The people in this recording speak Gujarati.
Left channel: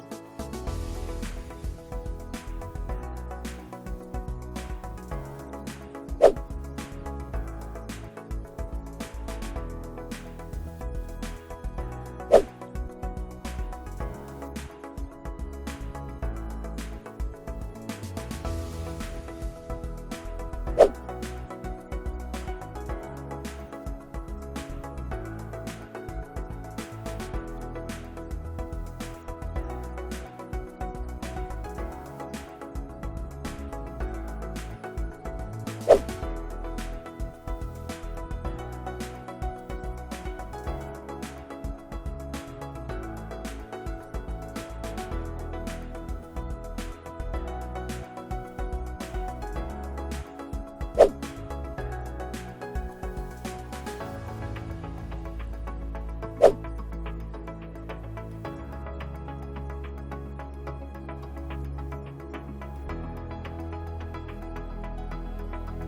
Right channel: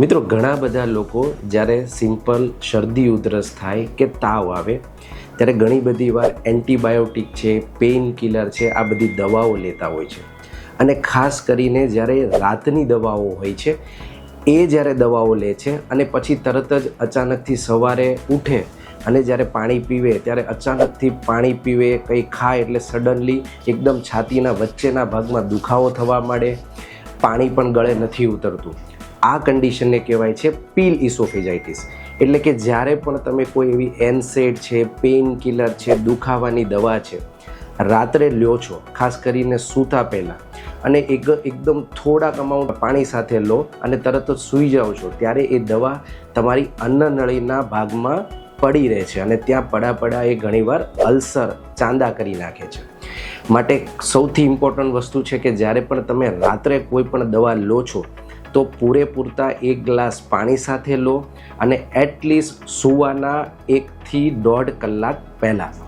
મિત્રો, ઘણા બધા લોકો જ્યારે સિમ્પલ શરદી ઉધરસ થાય કે તાવ આવે, ત્યારે ઘણી બધી વાર એન્ટીબાયોટિક છે પેઇન કિલર છે, આ બધી દવાઓ લેતા હોય છે. અને ખાસ કરીને જ્યારે રાતની દવાઓ હોય છે, એ જ્યારે દવાઓ લે છે અને પછી તરત જ અચાનકથી સવારે ઉઠે અને જ્યારે પાણી પીવે, ત્યારે અચાનકથી પાણી પીવે, કંઈ ખાય એટલે સડનલી એકદમ છાતીના વચ્ચેના ભાગમાં દુખાવો થવા માંડે, પાણી પણ ગળે નથી ઉતરતું. આ કન્ડિશનને કહેવાય છે પીલ ઇસોફેજાઇટિસ એટલે કે જ્યારે પણ તમે કોઈ એવી એનસેડ છે પેઇન કિલર છે, દુખાવાની દવા છે, રાત્રે લ્યો છો, ખાસ કરીને સૂતા પહેલાં, અને એક એકદમ થોડાક અમાઉન્ટ પાણી સાથે લો અને તરત જ સૂઈ જાઓ છો, ત્યારે એ દવા તમારી અન્નનળીના ભાગમાં પડી રહે છે અને ત્યાં પડા પડા એ ઘણીવાર અલ્સર, ચાંદા કરી નાખે છે. માટે સૌથી ઇમ્પોર્ટન્ટ વસ્તુ છે કે જ્યારે પણ તમે રાત્રે કોઈ પણ દવા લો છો તો પૂરેપૂરતા એક ગ્લાસ પાણી સાથે લો અને એટલીસ્ટ સૂવાના એકથી દોઢ કલાક પહેલાં.